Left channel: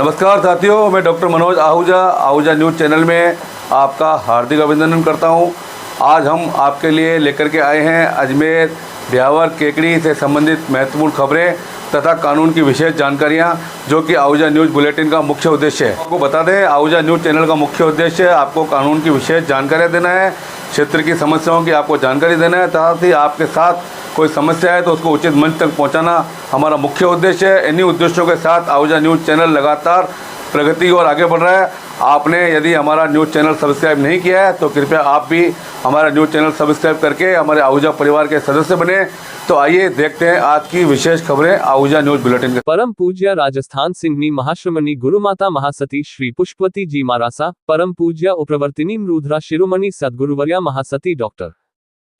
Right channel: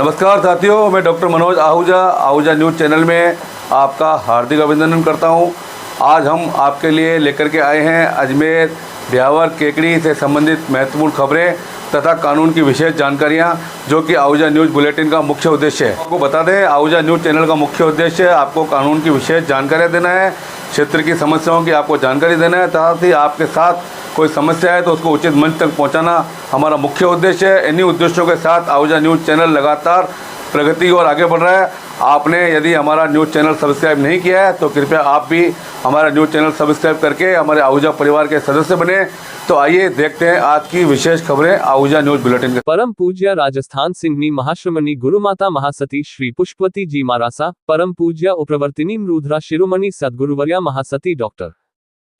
नमस्कार साथियों, मैं doctor Manoj Ahuja news channel में आपका हार्दिक अभिनंदन करता हूं। आज हम आपके लिए लेकर के आए हैं अजमेर ब्यावर केकड़ी से संबंधित महत्वपूर्ण खबरें तथा कानून की विशेष जानकारियां, जो कि आहूजा न्यूज़ बुलेटिन का मुख्य उद्देश्य है। आपको बता दें, आहूजा न्यूज़ चैनल का मुख्य उद्देश्य आपको कानून की विशेष जानकारियाँ देना है, क्षेत्र की समस्याओं की आपको जानकारी देना है, साथ ही आपके साथ कोई समस्या है तो उसको उचित मंच तक पहुंचाना हमारा मुख्य उद्देश्य है। इन्हीं उद्देश्यों के साथ आहूजा न्यूज़ चैनल लगातार प्रगति और आगे बढ़ रहा है। आपने यदि हमारा न्यूज़ चैनल सब्सक्राइब नहीं किया है तो कृपया आप भी हमारा न्यूज़ चैनल सब्सक्राइब करके हमारे आहूजा परिवार के सदस्य बने। तो आइए देखते हैं आज की विशेष खबरें आहूजा न्यूज़ बुलेटिन के। परम पूज्य राजस्थान सिंहनी महाश्रमणी गुरुमाता महासती श्री पुष्पवती जी महारासा, परम पूज्य उप्रवर्तिनी रुद्रा शिरोमणि सद्गुरुवर्या महासती डॉक्टर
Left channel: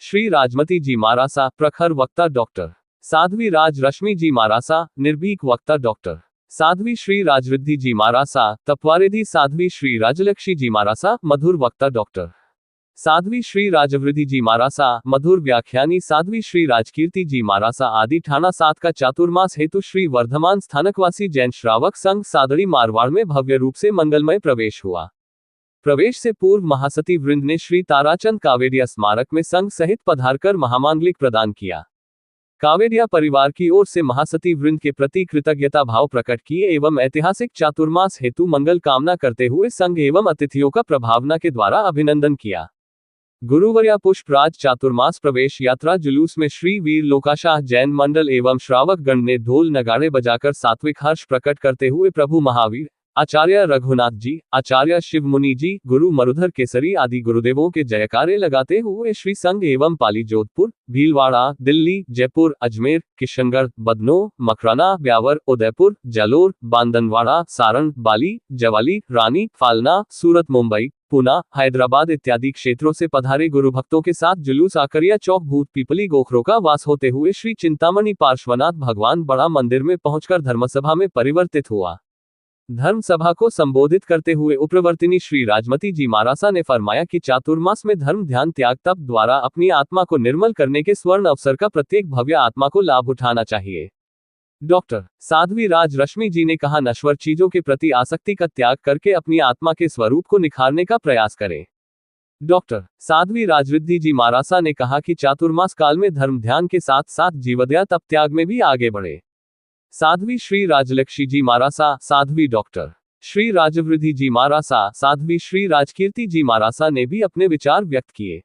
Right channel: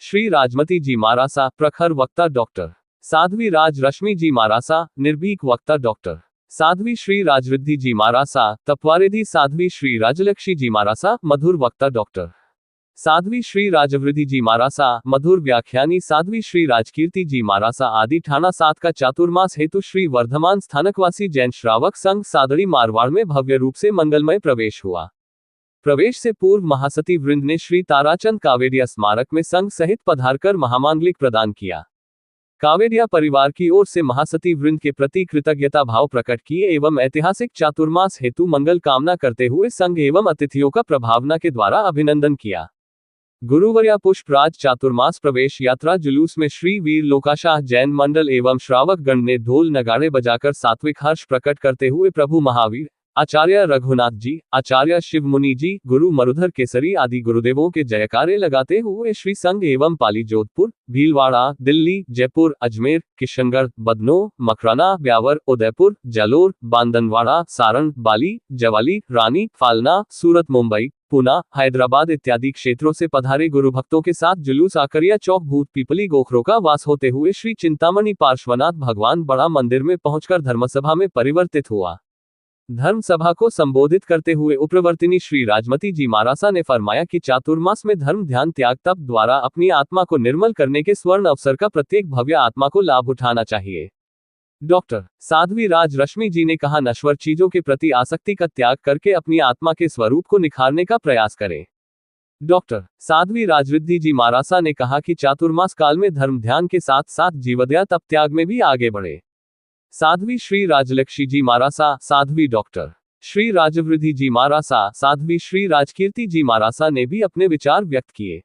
श्री राजमती जी महारासा, प्रखर वक्ता डॉक्टर साध्वी राज रश्मि जी महारासा, निर्भीक वक्ता डॉक्टर साध्वी श्री राजरिद्धि जी महारासा, तपवारेधी साध्वी श्री राजलक्ष्मी जी महारासा, मधुर वक्ता डॉक्टर साध्वी श्री राजवृद्धि जी महारासा, मधुर व्याख्यानी साध्वी श्री राजकीर्ति जी महारासा आदि ठाणा 7 का चातुर्मास हेतु श्री वर्धमान स्थानकवासी जैन श्रावक संघ सादड़ी मारवाड़ में भव्य रूप से मंगलमय प्रवेश हुआ। प्रवेश से पूर्व महासती वृंद ने श्री ताराचंद कावेडिया स्मारक में संघ सहित पधारकर महामांगलिक प्रदान किया। कावेडिया परिवार की ओर से महासती वृंद के प्रति कृतज्ञता भाव प्रकट किए एवं ऐतिहासिक चातुर्मास हेतु मंगल कामना करते हुए संघ एवं अतिथियों का प्रभावना के द्वारा अभिनंदन किया। गुरुवर्या पुष्पराज चातुर्मास प्रवेश यात्रा जुलूस में श्री वीर लोकाशाह जैन मंडल एवं श्रावक गण ने ढोल नगाड़े बजाकर सात्विक हर्ष प्रकट करते हुए प्रभु महावीर, आचार्य रघुनाथ जी, आचार्य शिव मुनि जी, गुरु मरुधर केसरी आदि गुरुदेवों के जयकारे लगाते हुए श्री संघ एवं पाली जोधपुर, भीलवाड़ा, दिल्ली, जयपुर, अजमेर, किशनगढ़, बदनों, मकराना, ब्यावर, उदयपुर, जालोर, बांदनवाड़ा, सारण, बाली, जवाली, रानी, फालना, सूरत, मुंबई, पुणे, हैदराबाद इत्यादि क्षेत्रों से पधारे गुरु भक्तों के साथ जुलूस आकरिया चौक भूत पीपली गोखरों का वास होते हुए श्री चिंतामणि पार्श्वनाथ भगवान बड़ा मंदिर में पहुंचकर धर्मसभा में परिवर्तित हुआ। धर्म सभा को संबोधित करते हुए उप्रवर्तिनी श्री राजमती जी महारासा ने फरमाया कि चातुर्मास में धर्म ध्यान त्याग तप द्वारा अपनी आत्मा को निर्मल करने के स्वर्ण अवसर का प्रत्येक भव्य आत्मा को लाभ उठाना चाहिए। डॉक्टर साध्वी राज रश्मि जी ने कहा, नश्वर चीजों के प्रति आसक्ति का त्याग करके अपनी आत्मा के स्वरूप को निखारने का प्रयास करें। डॉक्टर साध्वी राजरिद्धि जी महारासा ने कहा कि चातुर्मास काल में धर्म ध्यान के साथ साथ जीवदया तप त्याग में भी आगे बढ़े। साध्वी श्री राजलक्ष्मी जी महारासा, साध्वी डॉक्टर श्री राजवृद्धि जी महारासा, साध्वी श्री राजकीर्ति जी महारासा ने भी अपने विचार व्यक्त किए।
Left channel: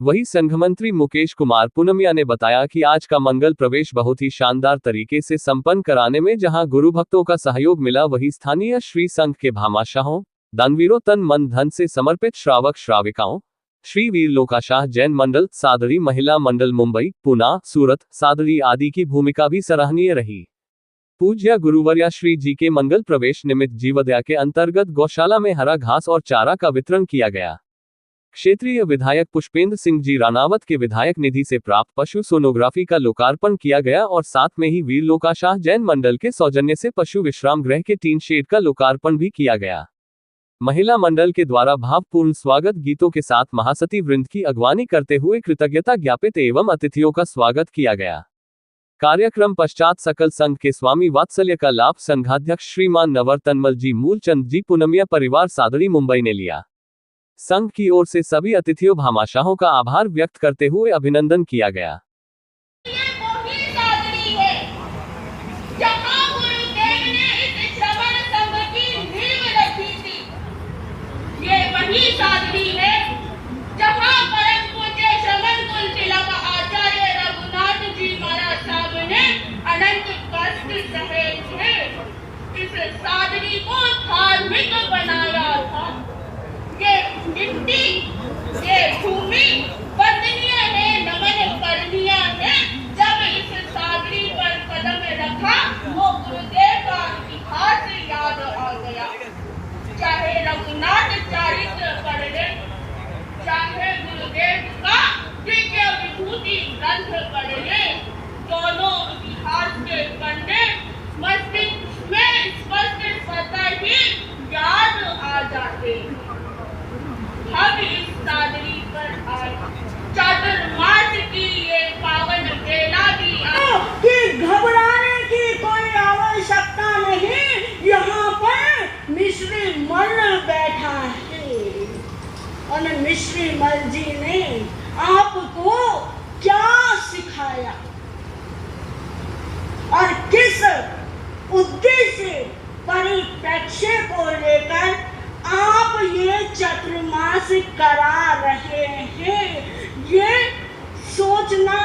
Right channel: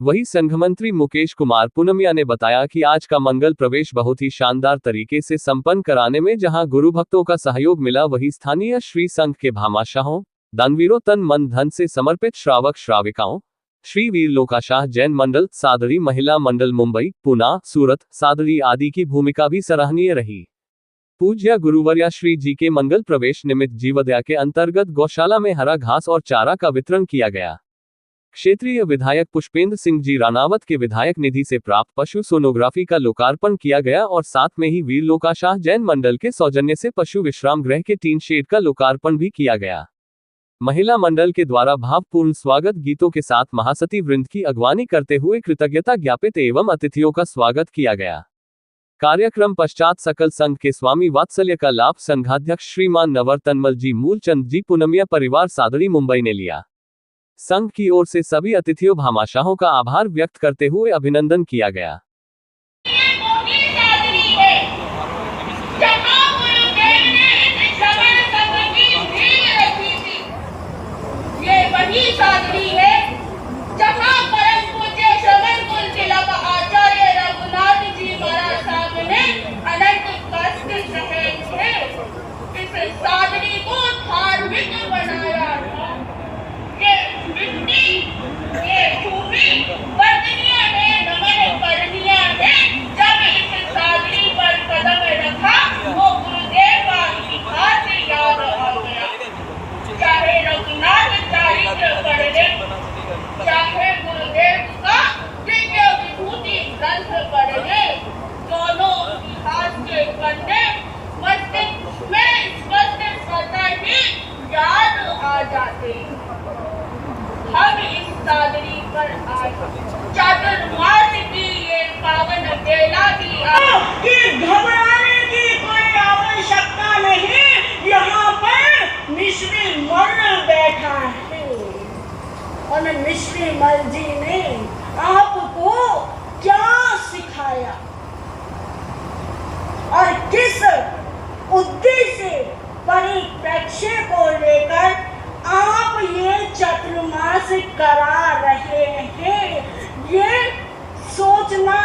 वही संघ मंत्री मुकेश कुमार पूनमिया ने बताया कि आज का मंगल प्रवेश बहुत ही शानदार तरीके से संपन्न कराने में जहां गुरु भक्तों का सहयोग मिला, वही स्थानीय श्री संघ के भामाशाहों, दानवीरों, तन मन धन से समर्पित श्रावक श्राविकाओं, श्री वीर लोकाशाह जैन मंडल, सादड़ी महिला मंडल मुंबई, पुणे, सूरत, सादड़ी आदि की भूमिका भी सराहनीय रही। पूज्य गुरुवर्या श्री जी के मंगल प्रवेश निमित्त जीवदया के अंतर्गत गौशाला में हरा घास और चारा का वितरण किया गया। क्षेत्रीय विधायक पुष्पेंद्र सिंह जी रानावत के विधायक निधि से प्राप्त पशु सोनोग्राफी का लोकार्पण किया गया और साथ में ही वीर लोकाशाह जैन मंडल के सौजन्य से पशु विश्राम गृह के टीन शेड का लोकार्पण भी किया गया। महिला मंडल के द्वारा भावपूर्ण स्वागत गीतों के साथ महासती वृंद की अगवानी करते हुए कृतज्ञता ज्ञापित एवं अतिथियों का स्वागत किया गया। कार्यक्रम पश्चात सकल संघ के स्वामी वात्सल्य का लाभ संघाध्यक्ष श्रीमान नवरतनमल जी मूलचंद जी पूनमिया परिवार सादड़ी मुंबई ने लिया। संघ की ओर से सभी अतिथियों भामाशाहों का आभार व्यक्त करते हुए अभिनंदन किया गया। सादड़ी को धार्मिक बनाया था। ये मिट्टी, ये भूमि वंदनीय ने नमन करनिया ने जब इस सादड़ी पर कदम रखा, वो गुरुदेव का इतिहास याद आ गया। चाहे रघुनाथ चरित्र पढ़ ले, चाहे गुरुदेव का दिव्य विभूति ग्रंथ पढ़ ले, दोनों इतिहास के पन्ने मस्तिष्क में स्पष्ट स्वतः ही याद आ जाते। हम इस सादड़ी पर आज चातुर्मास की ये पावन बेला की घबराने की कोई आवश्यकता नहीं। यहाँ पर मिश्री मल बैठा है और मिश्री मल जी ने आपको क्या सिखाया और किस उद्देश्य परिप्रेक्ष्य को लेकर आप ये चतुर्मास करा रहे हैं, ये सोचना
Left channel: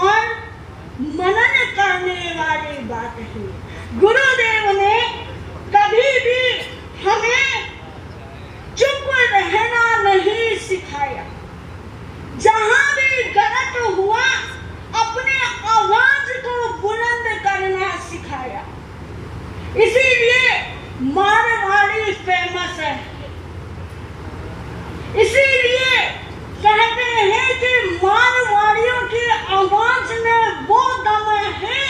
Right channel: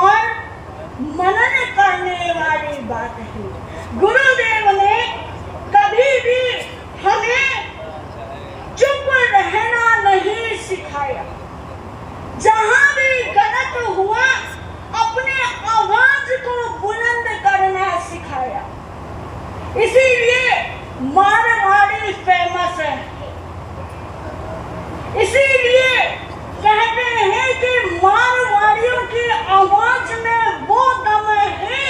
और मनन करने वाली बात है। गुरुदेव ने कभी भी हमें चुप रहना नहीं सिखाया। जहां भी गलत हुआ अपने आवाज को बुलंद करना सिखाया। इसीलिए मारवाड़ी फेमस है। इसीलिए कहते हैं कि मारवाड़ियों की आवाज में वो दम है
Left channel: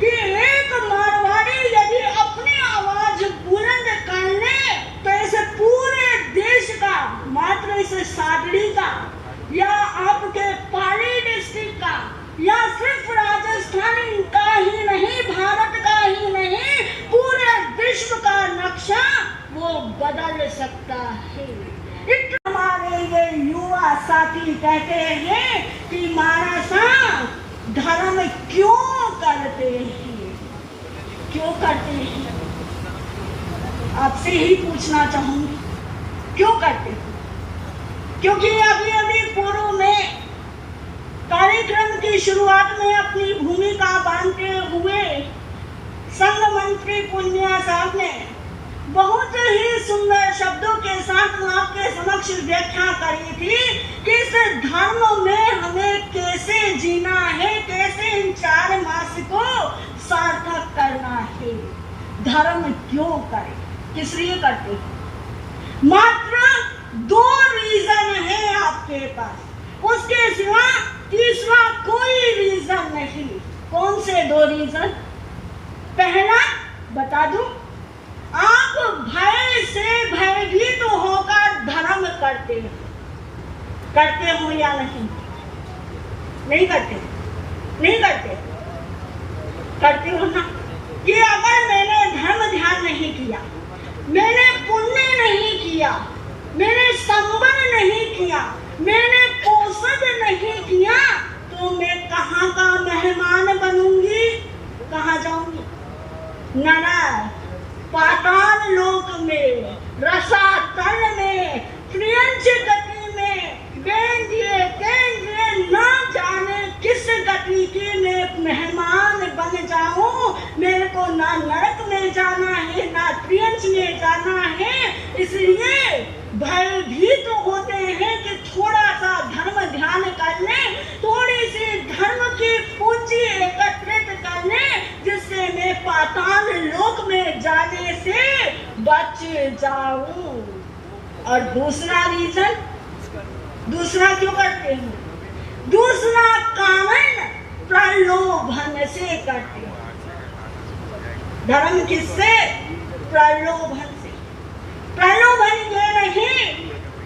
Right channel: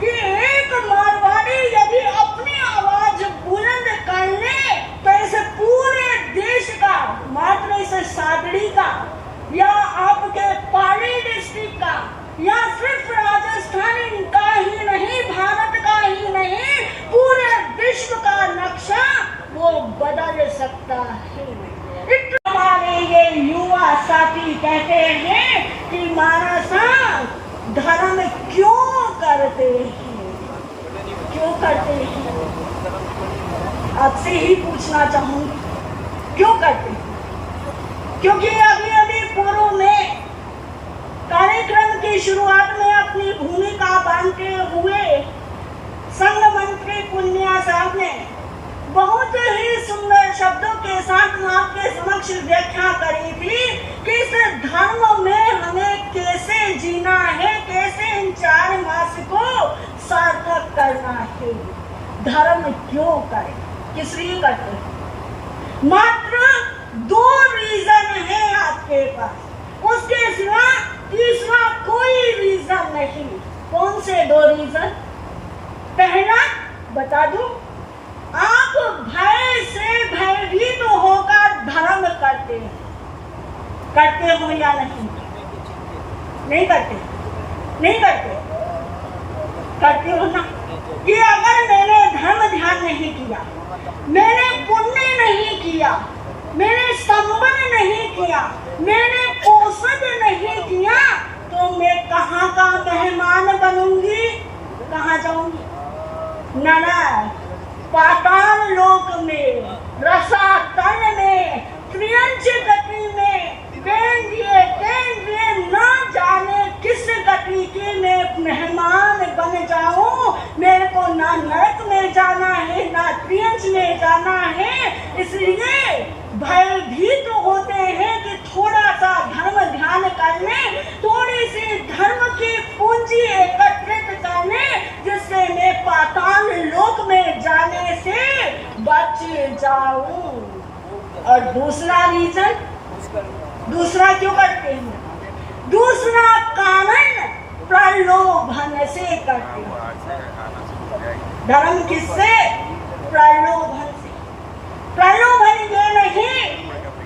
कि एक मारवाड़ी यदि अपनी आवाज बुलंद कर ले तो ऐसे पूरे देश का, मात्र इस सादड़ी का या आपके पाली डिस्ट्रिक्ट का या सिर्फ राजस्थान का ही नहीं, भारत का ही नहीं, पूरे विश्व का नक्शा वो बदल सकता है। हमारे ये युवा साथी कहते हैं कि मानसा धर्म क्यों करते हैं, क्यों करते हैं? आपसे ही पूछना चाहूंगी, क्यों करते हैं? क्योंकि अभी अभी पूर्व में कार्यक्रम की शुरुआत में अपनी भूमिका बांधते हुए संघ मंत्री पुनिया साहब ने बहुत ही सुंदर शब्दों के साथ आपके समक्ष व्याख्या करी थी कि इस धर्म में हमें कैसे जीना है, कैसे इन 4 मास को सार्थक करना है। धर्म क्यों करें, किस लिए करते हैं? मात्र 2 रीजन है आपके पास, उसके सिवा तीसरा कोई रीजन नहीं। कौन से 2 रीजन? पहला बता दूं, आप भय से भयभीत होकर धर्म करते हो या नहीं? नहीं करते? नहीं करते? करते हो ना? कि अगर मैंने धर्म ध्यान नहीं किया, मैंने पुण्य नहीं किया, मैंने संबंध नहीं किया, मैंने पोषण नहीं किया, तो मैं कहाँ का मेहमान बनूंगी? कहाँ जाऊंगी? नरक, पाताल लोक में, रसातल में, त्रियंच गति में, बेंजिए तेंजिए न जाने किस गति के मैं मेहमान बन जाऊं। मेरे को ना नरक में जाना है, ना त्रियंच में जाना है। इसलिए भयभीत होते हैं कि थोड़ा सा धर्म ध्यान कर लें, थोड़ी सी धर्म की पूंजी एकत्रित कर लें, जिससे मैं पाताल लोक में जाने से बच जाऊं। और दूसरा रीजन, दूसरा क्यों करते हैं? दूसरा कारण प्रलोभन से करते हैं। धर्म किससे? प्रलोभन से। प्रलोभन ये नहीं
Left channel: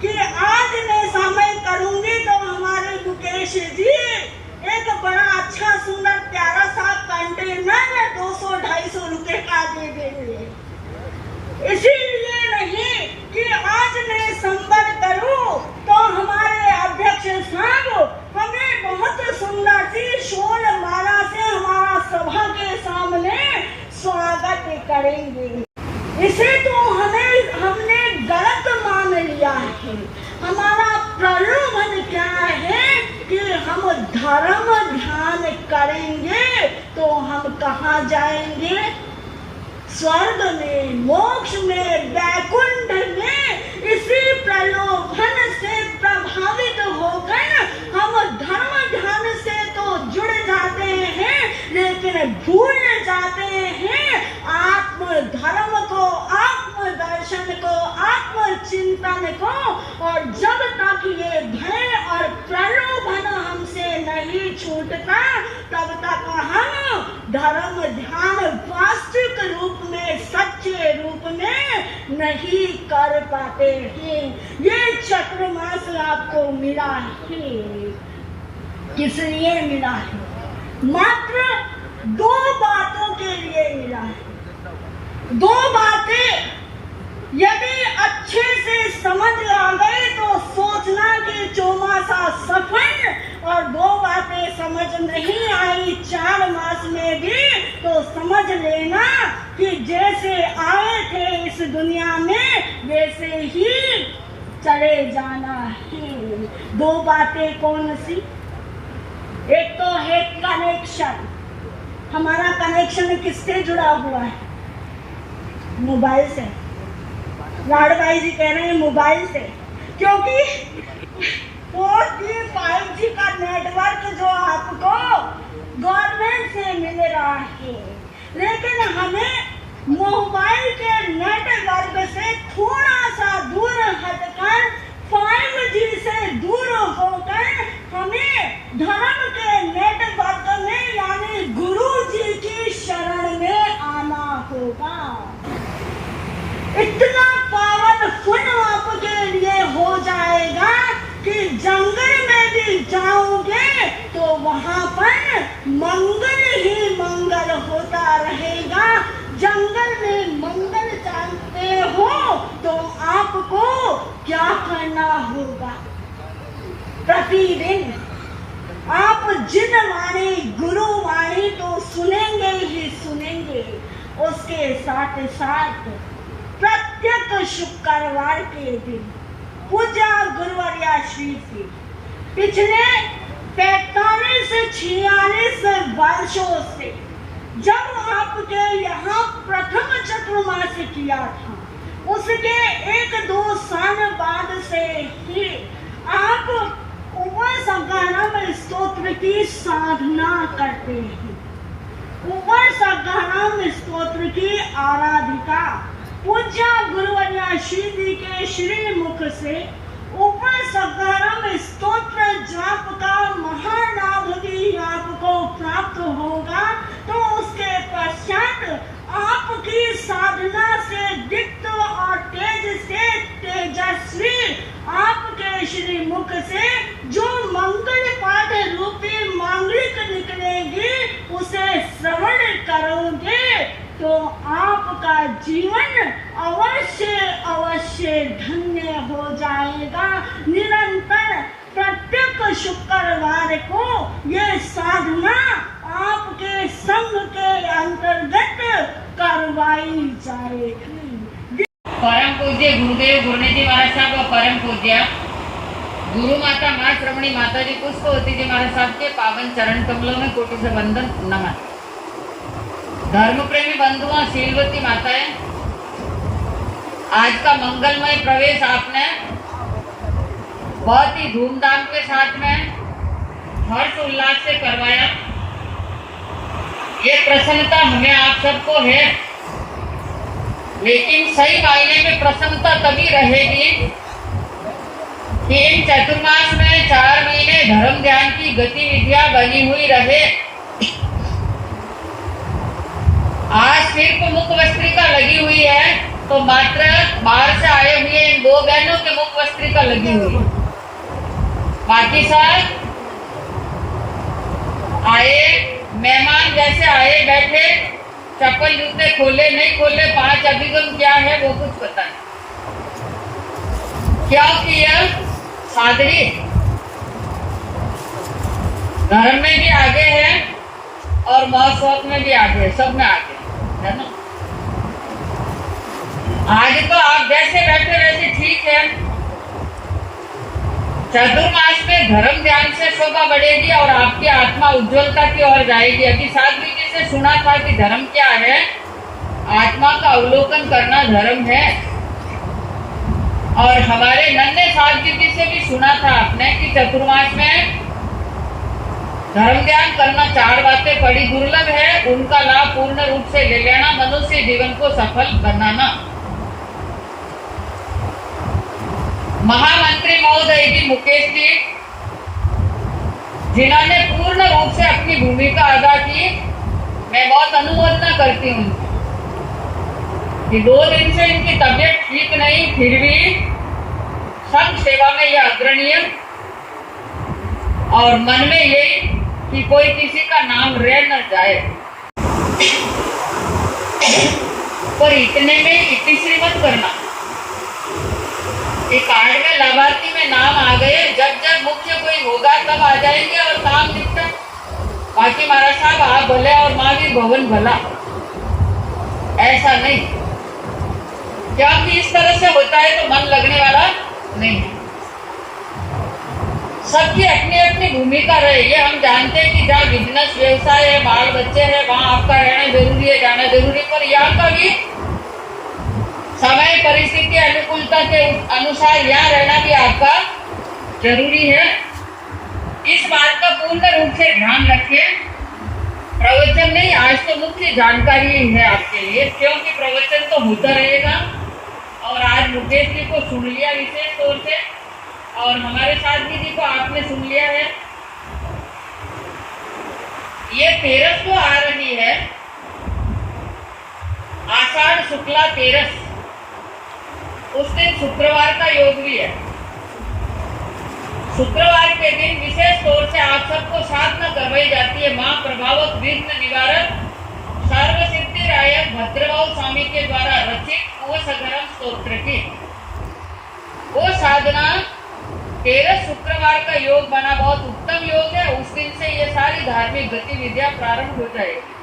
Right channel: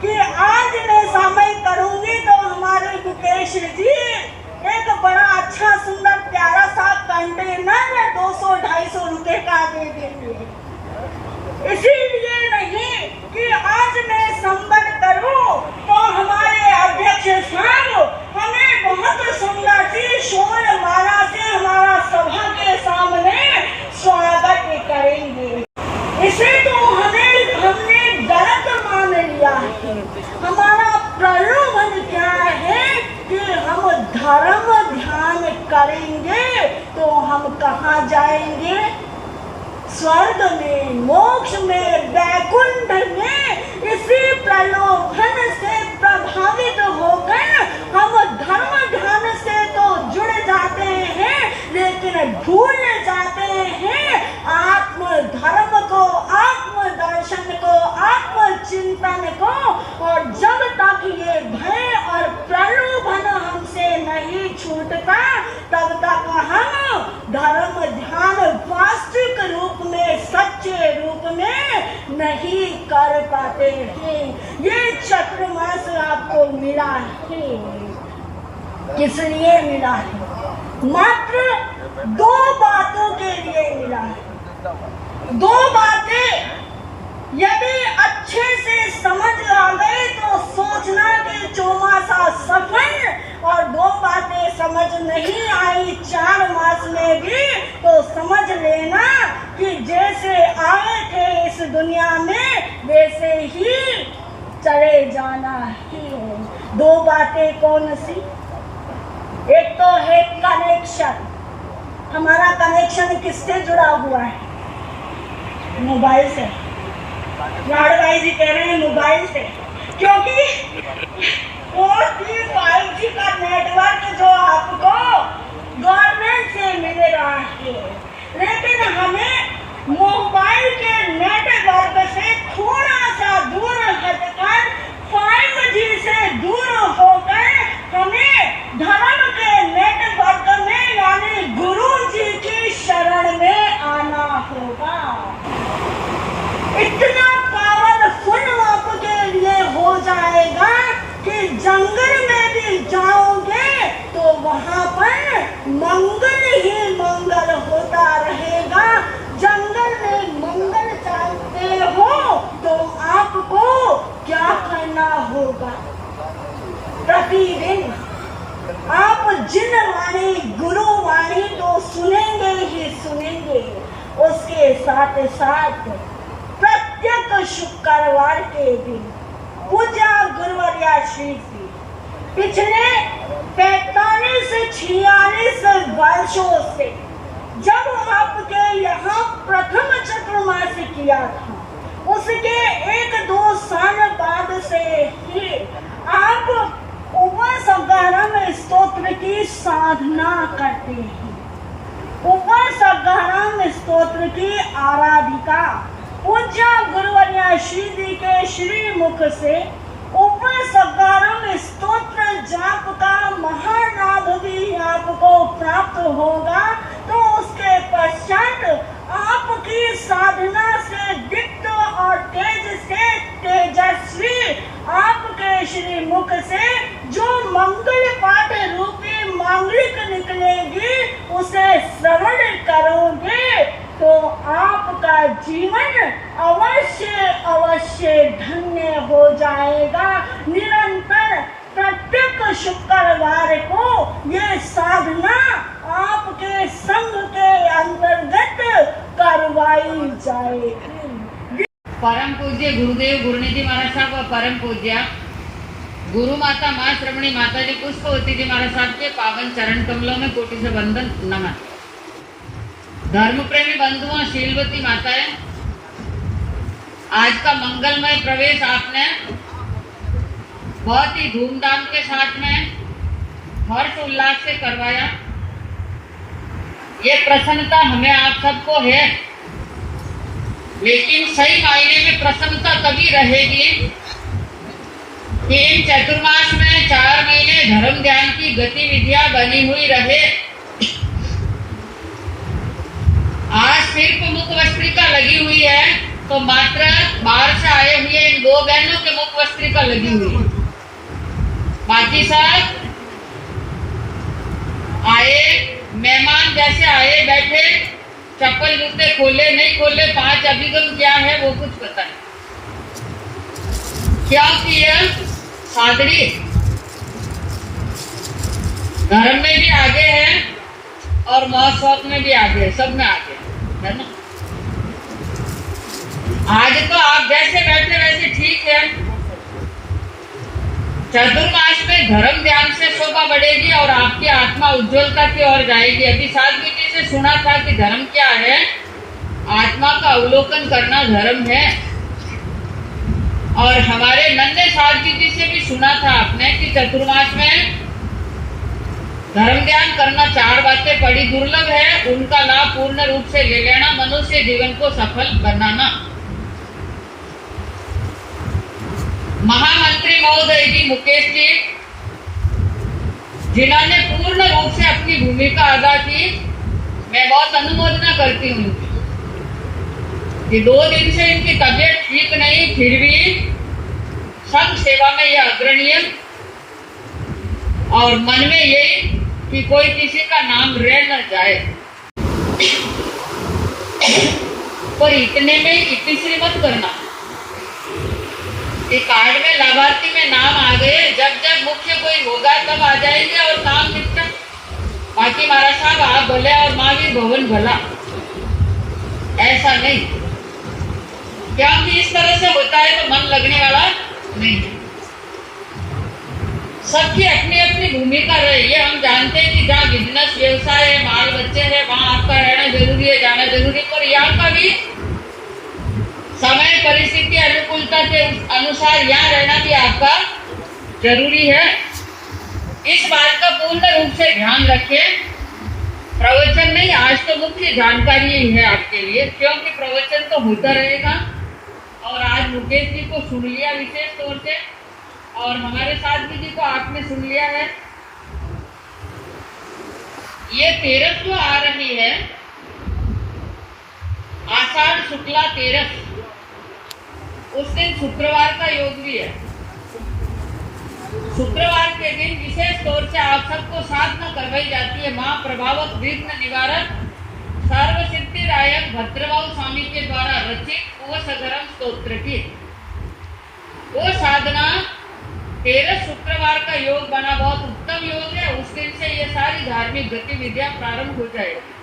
कि आज मैं समय करूंगी तो हमारे मुकेश जी एक बड़ा अच्छा सुंदर प्यारा सा कंटेनर 200-250 रुपए का दे देंगे। इसीलिए नहीं कि आज मैं संबल करूं तो हमारे अध्यक्ष साहब हमें बहुत सुंदर सी शोल माला से हमारा सभा के सामने स्वागत करेंगे। इसे तो हमने गलत मान लिया है। हमारा प्रलोभन क्या है कि हम धर्म ध्यान करेंगे तो हम कहाँ जाएंगे? स्वर्ग में, मोक्ष में, वैकुंठ में। इसी प्रलोभन से प्रभावित होकर हम धर्म ध्यान से तो जुड़ जाते हैं, लेकिन भूल जाते हैं आत्म धर्म को, आत्म दर्शन को, आत्म चिंतन को। और जब तक ये भय और प्रलोभन हमसे नहीं छूटता, तब तक हम धर्म ध्यान वास्तविक रूप में, सच्चे रूप में नहीं कर पाते हैं। ये चतुर्मास आपको मिला है, किस लिए मिला है? मात्र 2 बातों के लिए मिला है। 2 बातें यदि अच्छे से समझ आ गए तो सोचना कि चौमासा सफल, और 2 बातें समझ नहीं आई 4 मास में भी तो समझ लेना कि जैसे आए थे इस दुनिया में वैसे ही चले जाना ही। 2 बातें कौन सी? एक तो है कनेक्शन। हमारा कनेक्शन किससे जुड़ा हुआ है? मोबाइल से। लाड भाई जी कह रहे हैं मोबाइल से, क्योंकि 4G 5G का नेटवर्क जो आपको गवर्नमेंट से मिल रहा है, लेकिन हमें मोबाइल के नेटवर्क से थोड़ा सा दूर हटकर 5G से दूर होकर हमें धर्म के नेटवर्क में यानी गुरु जी की शरण में आना होगा। इतना पावरफुल आपके लिए हो जाएगा कि जंगल में भी जाओगे तो वहां पर मंगल ही मंगल होता रहेगा। जंगल में मंगल चाहते हो तो आपको क्या करना होगा? प्रतिदिन आप जिन वाणी गुरु वाणी तो सुनेंगे ही सुनेंगे, उसके साथ साथ प्रत्येक शुक्रवार के दिन पूजा गुरुवर्या श्री जी पिछले 45-46 वर्षों से जब आपके यहाँ प्रथम चतुर्मास किया था, उसके 1-2 साल बाद से ही आप उपवास में स्तोत्र की साधना करते हैं। उपवास में स्तोत्र की आराधिका पूज्य गुरुवर्या श्री जी के श्री मुख से उपवास स्तोत्र जाप का महालाभ भी आपको प्राप्त होगा। तो उसके पश्चात आपकी साधना से दीप्त और तेज से तेजस्वी आपके श्री मुख से जो मंगल पाठ रूपी मांगलिक निकलेगी उसे श्रवण करोगे तो आपका जीवन अवश्य अवश्य धन्य हो जाएगा। निरंतर प्रत्येक शुक्रवार को ये साधना आपके संघ के अंतर्गत करवाई जाएगी। परम पूज्य गुरुदेव गुरुनिधि महाराज साहब व परम पूज्य गुरु माता माँ श्रवणी माता जी पुष्पवती जी महाराज साहब के पावन चरण कमलों में कोटि से वंदन नमन। धर्म प्रेमी बंधुओं, शीलवती माताएं, आज का मंगलमय प्रवेश आपने बहुत ही धूमधाम के साथ में हर्ष उल्लास से करवाया। ये प्रसन्नता हमें आप सबको है, लेकिन सही मायने में प्रसन्नता तभी रहेगी कि इन चतुर्मास में 4 महीने धर्म ध्यान की गतिविधियां बनी हुई रहे। आज सिर्फ मुख वस्त्रिका लगी हुई है तो मात्र बाहर से आए हुए इन 2 बहनों के मुख वस्त्रिका लगी हुई है। बाकी सब आए मेहमान जैसे आए बैठे, चप्पल जूते खोले नहीं खोले, 5 अभिगम क्या है वो कुछ पता नहीं। क्योंकि यह सादरी धर्म में भी आगे है और महोत्सव में भी आगे है, सब में आगे है ना। आज तो आप जैसे बैठे वैसे ठीक है। चतुर्मास में धर्म ध्यान से शोभा बढ़ेगी और आपकी आत्मा उज्जवलता की ओर जाएगी। अभी साधवी जी से सुना था कि धर्म क्या है, आत्मा का अवलोकन करना धर्म है। और हमारे नन्हे साधवी जी से भी सुना था आपने कि चतुर्मास में धर्म ध्यान करना 4 बातें बड़ी दुर्लभ है, उनका लाभ पूर्ण रूप से ले लेना, मनुष्य जीवन को सफल बनाना। महामंत्री महोदय जी मुकेश जी, जिन्होंने पूर्ण रूप से अपनी भूमिका अदा की, मैं बहुत अनुमोदना करती हूँ कि 2 दिन से इनकी तबीयत ठीक नहीं, फिर भी संघ सेवा में यह अग्रणीय और मन में यही कि कोई किसी का नाम रह न जाए, पर इतने में इतनी सी मत करना। कि कार्ड में लाभार्थी में नाम आ गए, जब जब मुख्य कोई होगा तब आ जाएंगे और काम निपटा। बाकी महाराज साहब आप भले और महावीर भवन भला, ऐसा नहीं, क्योंकि इस तरह से होता है तो मन लगने वाला नहीं। सबकी अपनी अपनी भूमिका रहे, ये हम जानते हैं कि जहाँ बिजनेस व्यवसाय है, बाल बच्चे हैं, वहाँ आपका रहना जरूरी है, जाना जरूरी है, पर यहाँ का भी समय परिस्थिति अनुकूलता के अनुसार यहाँ रहना भी आपका जरूरी है। इस बात का पूर्ण रूप से ध्यान रखें। प्रवचन नहीं, आज तो मुख्य जानकारी ही है आपके लिए, क्योंकि प्रवचन तो होता रहेगा। और आज मुकेश जी को सुन लिया विशेष तौर से, और हमारे साधवी जी को आपने सुन लिया है। ये 13 को आ रही है, आषाढ़ शुक्ला 13, उस दिन शुक्रवार का योग भी है। शुक्रवार के दिन विशेष तौर से आप सबको साधना करवाई जाती है मां प्रभावक विघ्न निवारक सर्व सिद्धिदायक भद्रभाव स्वामी के द्वारा रचित ओशगरम स्तोत्र की। वो साधना 13 शुक्रवार का योग बना बहुत उत्तम योग है। उस दिन से ये सारी धार्मिक गतिविधियां प्रारंभ हो जाएगी।